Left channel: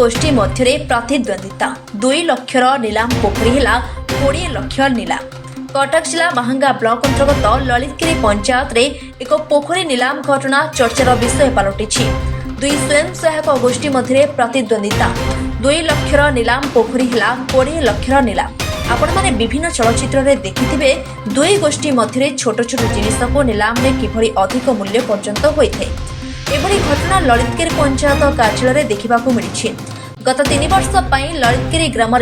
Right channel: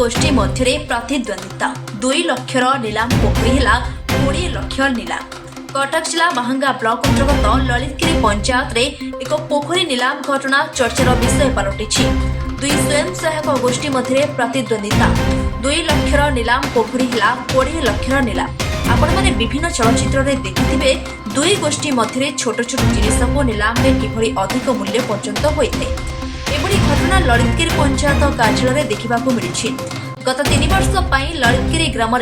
गोष्ठी मध्य प्रतिद्वंदिता 2 लक्षर नीलाम पोखरी है 20 लाख नीलाम। कटक जिला महंगा ब्लॉक अंतर्गत ललितगिरी पंचायत रे एक पोखरी नीलाम घटना चर्चार विषय पलटि। 2 स्वयं सहायक गोष्ठी मध्य प्रतिद्वंदिता 2 लक्षर नीलाम पोखरी है 20 लाख नीलाम। आपण माने विभिन्न चलचित्र रे देखिथिबे 2 गोष्ठी मध्य छोट छोट जिनिस को नीलाम रे किभली अधिक मूल्य पर्यंत होइथे। एभली घटना ललितगिरी पंचायत कार्यालय देखा मिली। गत 3 वर्ष ललितगिरी ग्राम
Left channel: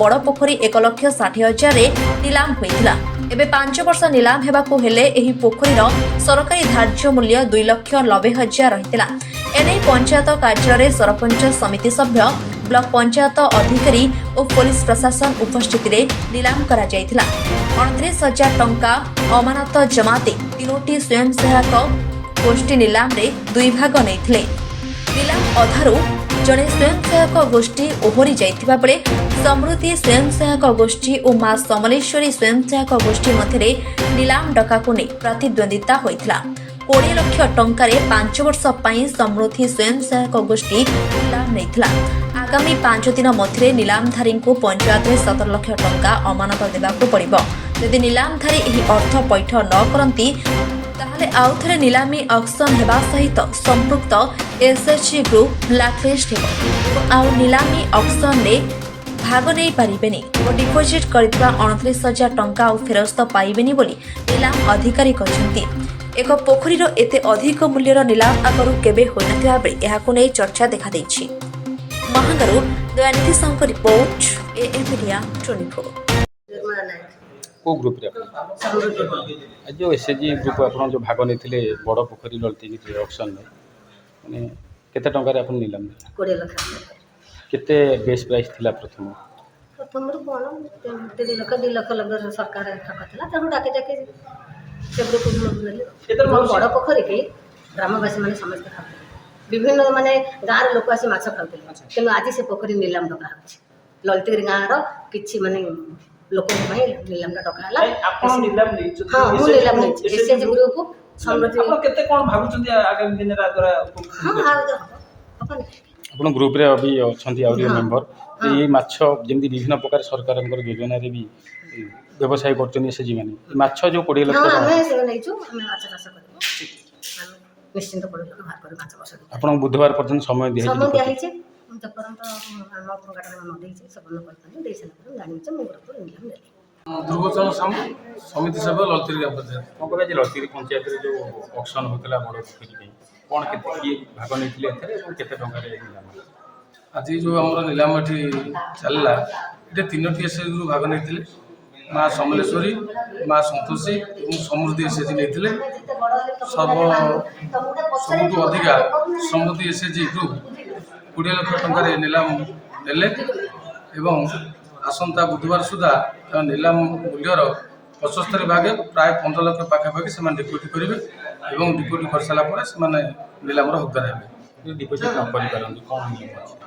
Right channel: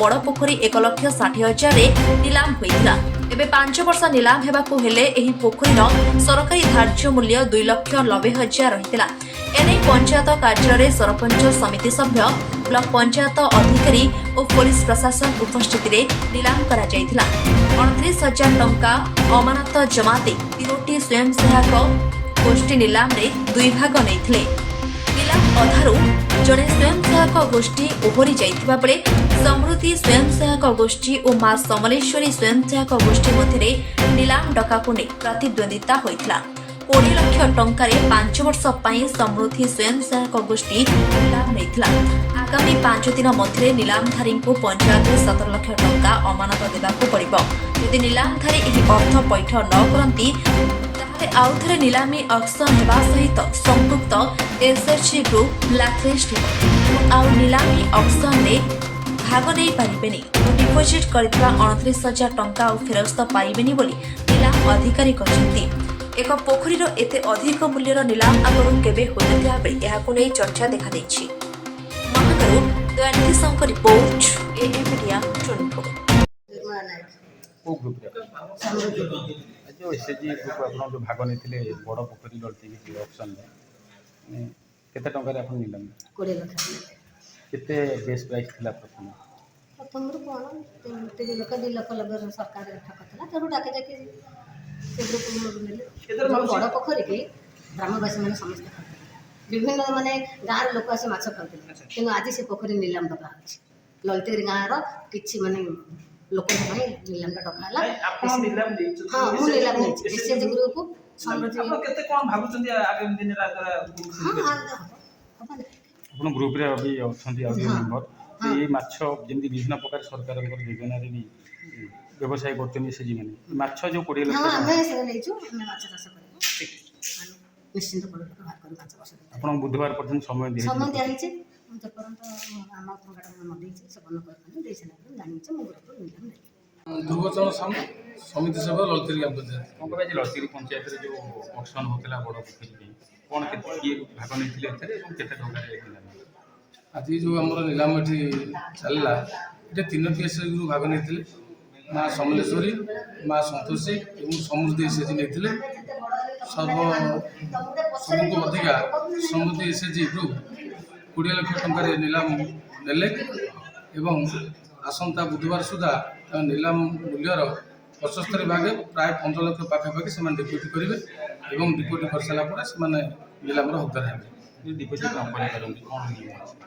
बड़ पोखरी 1,60,000 नीलाम होता। एवं 5 वर्ष नीलाम होगाकू हेले एही पोखरीर सरकारी धार्य मूल्य 2,90,000 रही। एने पंचायत कार्यालय सरपंच समिति सभ्य ब्लॉक पंचायत अधिकारी और पुलिस प्रशासन उपस्थित नीलाम करा 29,000 टंका अमानत जमाते 3टी स्वयं सहायक गोष्ठी नीलाम रे 2 भाग नहीं। नीलाम अधारू जड़े स्वयं सहायक गोष्ठी ओहरी जाइतिबा बेले समृद्धि स्वयं सहायक गोष्ठी और मां समलेश्वरी स्वयं सहायक गोष्ठी मध्य नीलाम डकाकू नहीं प्रतिद्वंदिता होइतिला। 20 लाख टंका 5 वर्ष समृद्धि स्वयं सहायक गोष्ठी नीलाम नहीं। आगामी 5 दिन मध्य नीलामधारी को पंचायत 17 लाख टंका अमानत देवाक पड़िबो। यदि नीलामधारी एही अर्थ पैठ न करती आउ थे नीलामी ऑक्शन होगा सहित संपुक्त एसएचजी ग्रुप ब्लैकलिस्ट आउ नीलामी ऑक्शन में भाग नहीं पारिबेनी और डिपोजिट करथिबा 29,000 टंका आउ फेरस्त पाइबेनी बोली नीलाम अधिकारी कहते। एक पोखरीर एते अधिक मूल्यर नीलाम आगरू केबे होइनथिया बेले एहाकू नै चर्चा देखा देछि। महागरू दयानिधि संक रिपोर्ट एएम मीडिया 24। को ग्रुप रे आज जो एसएचजी ग्रुप आपन जो भाग नहीं बड़ पोखरी ललितगिरी ऑक्शन में माने केते टंका रे आपन नीलाम 20 लाख केते बेस प्राइस थिला प्रथम रू कौन 3 लाख 2 लाख लगे सरकार ठकला ताकू डाके जाके से ग्रुप बड़ पोखरी के ग्रामवासी माने समस्त खाते विभिन्न माने गाँव लोक आसी माछ खाते तेणु आज से पोखरी नीलाम डका होछि। ललितगिरी गाँव किछि माने लोक नीलाम डका आपण नीलाम नै हां मु नीलाम नै एसएचजी ग्रुप समृद्धि आपण केते कोन भाबुचंदी आगामी दिन रा द्वारा हां अपन आपण ग्रुप रे अभी अछंती आउरी मेंबर ये माछ जेमि विभिन्न प्रकार सरकारनकर योजना रे भी व्यवसाय करछन एसएचजी माने माछ जो 20 लाख हां हमें से नै छु हमें माछ चाष करबो हम निश्चित 20 लाख भाग कर माछ बस आपण बुधवार पर्यंत समय दिया छै जपरंत आम प्रकाटन न देई छै सबन करतन देई छला पर जानि छै मुगर पर नीलाम देली दुर्गोचन समिति सभ्य ललितगिरी पंचायत कौन कहे ललितगिरी पंचायत रे जो ऑक्शन होतला बड़ पोखरी पे कौन केते किए भाग नहीं एथरे केते टंका रे नीलाम आज जो आम नीलाम ये चलला ये 3टी एसएचजी ग्रुप भाग नहीं माँ समलेश्वरी माँ संतोषी और समृद्धि एसएचजी नहीं सबुठ अधिका समृद्धि एसएचजी ग्रुप 20 लाख टंका नीलाम नेले एवं आसंता बुधवार सुधा नीलाम मूल्यर 75 भागे प्राय 15 लाख पाखापाखि से डिपोजिट करेंगे और डिपोजिट कर सारापर से नीलाम हकदार हे डिपोजिट न करि पारंती कोन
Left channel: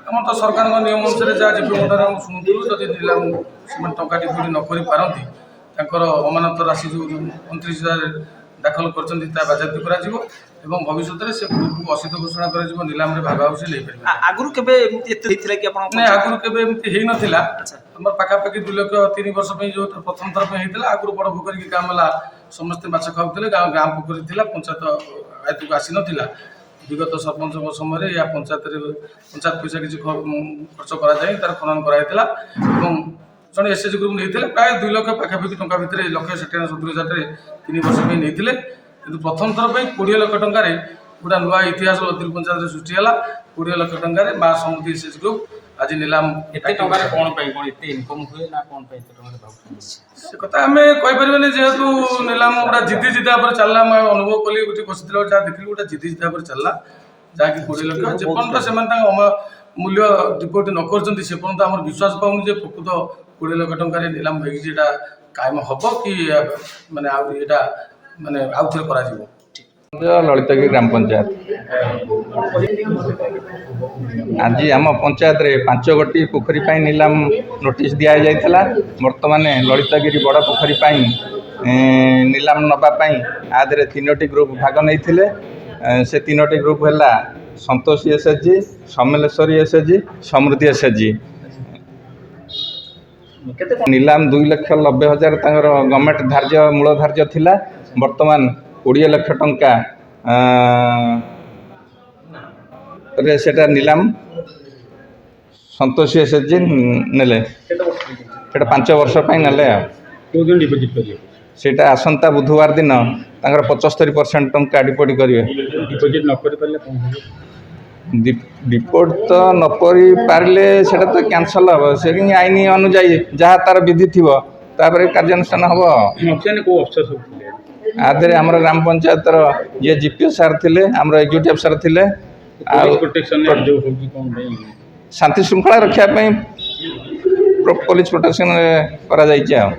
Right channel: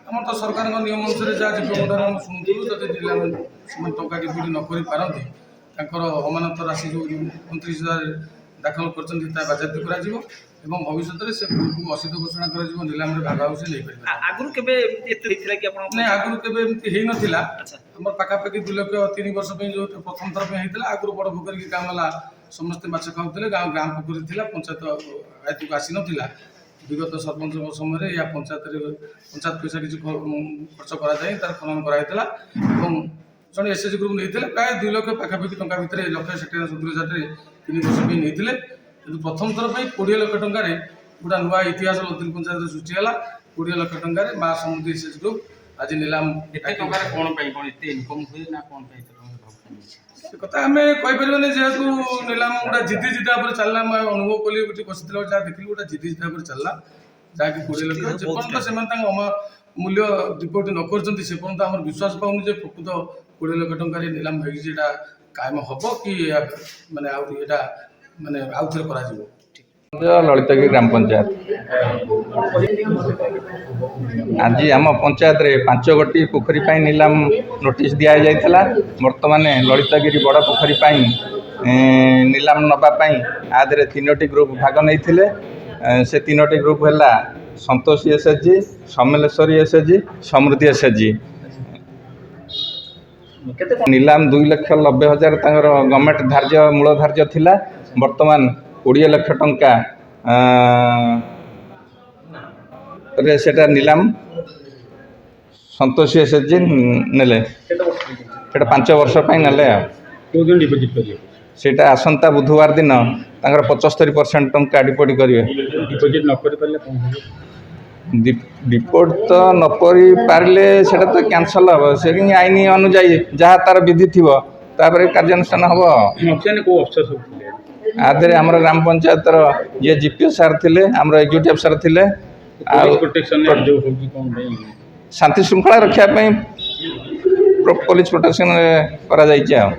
आम तो सरकार नियम अनुसार जहाँ जीवन शुणुलु जदि नीलाम से टंका डिपोजिट न करि पारंती तांकर अमानत राशि जो 29,000 दाखल कर बाजाती कर भविष्य से ग्रुप को असित घोषणा कर नीलाम भाग हाउस नहीं पारे आगुरु केबे एते दिथिला कि आपण नहीं आगुरु केबे एमती हेई नथिला हमर पाखापाखि 2 लाख 3 वर्ष पे जो प्रथम थर पे हेइतला आगुरु बड़ पोखरी के काम ला समस्त माछ खाउतले गाँव पोखरी थिला पंचायत आयत को आसी नथिला विगत सरपंच समय या पंचायत पैसा किसी खर्च करा जाय तार खनन कराइतला एवं जन एसएचजी ग्रुप नहीं प्राय 2 लाख पाखापाखि टंका भितर 1,70,000 3 वर्ष पे नहीं कि प्रथम थर पर 20 लाख टंकार गोटा नुआ इतिहास ललितगिरी पंचायत सृष्टि है 20 लाख टंकार माँ समृद्धि एसएचजी ग्रुप आज नीलाम एते टंका रे कोन पई कोन एते इनकम हुए ना कोन पई एते टंका रे भाव से कथा आम कहि परबेनी जेहेतु नीलाम गोटा जिद्दी जिद्दा पर चलला मैं अनुभव कली गोटे बसिथिला जहाँ देखली गोटा जिद्दी जिद्दा पर चलला जहाँकि 20 लाख जेपर्यंत से मूल्य डिपोजिट न कर से पर्यंत आम विश्वास पाऊनी जे प्रकृत 20 लाख टंकार नीलाम होगी कायम हम कि माने माने आउ थे करा ललितगिरी ग्राम पंचायत आज आम पंचायत रे 5 गोटी पोखरी पाई नीलाम नोटिस दिया जाइथला। वर्तमान ललितगिरी बड़ पोखरी पाई नीलाम नबा पाई आदरे 3टी ग्रुप भाग नहीं से 3टी ग्रुप है ସନ୍ତୋଷୀ ଏସ୍ଏଚ୍ଜି, ସମଲେଶ୍ୱରୀ ଏସ୍ଏଚ୍ଜି, ସମୃଦ୍ଧି ଏସ୍ଏଚ୍ଜି। କେତେ ନିଲାମ 2,90,000 ତାଙ୍କର ଗଭର୍ଣ୍ଣମେଣ୍ଟ ଧାର୍ଯ୍ୟ ମୂଳ ଧାର୍ଯ୍ୟ ଥିଲା। ବର୍ତ୍ତମାନ 20 ଲକ୍ଷ ଟଙ୍କା ରେ ସେଟା ନିଲାମ ସନ୍ତୋଷୀ ଏସ୍ଏଚ୍ଜି ନେଲେ। ସେଟା 5 ବର୍ଷ ପାଇଁ ନେଲେ। ଆଉ କେଉଁଦିନ ଡିପୋଜିଟ୍ କରିବେ? ସେଇଟା ଆସନ୍ତା ବୁଧବାର ଦିନ ତାଙ୍କର 75% ଟଙ୍କା ଡିପୋଜିଟ୍ କରିବେ। ଡିପୋଜିଟ୍ ନ କରିପାରିଲେ କ'ଣ ହେବ? ଡିପୋଜିଟ୍ ତ ନ କରିପାରିଲେ ସେଇଟା ତ କ୍ୟାନସଲ୍ ହେବ। ସେ କିନ୍ତୁ ଆଇନ ଅନୁଯାୟୀ ଯାହା ତା'ର ବିଧି ଥିବ ତାପରେ କାର୍ଯ୍ୟାନୁଷ୍ଠାନ ହେବ। ଅଫିସିଆଲି କେଉଁ ଅଫିସର ସବୁ ଥିଲେ? ଆ ଦେହରେ ଆମର ଗ୍ରାମ ପଞ୍ଚାୟତର ଯିଏ ଜିପିଓ ସାର୍ ଥିଲେ, ଆମର ଏକ୍ଜିକ୍ୟୁଟିଭ୍ ଅଫିସର ଥିଲେ। ଆଉ ପ୍ରୋଟେକ୍ସନରେ ଅଭିଯୋଗ ହେଉଛି କ'ଣ ପାଇଁ? ଶାନ୍ତି ଶୃଙ୍ଖଳା ରଖିବା ପାଇଁ ପୋଲିସ ପ୍ରୋଟେକ୍ସନ୍ କରାଯାଇଛି। ଆଉ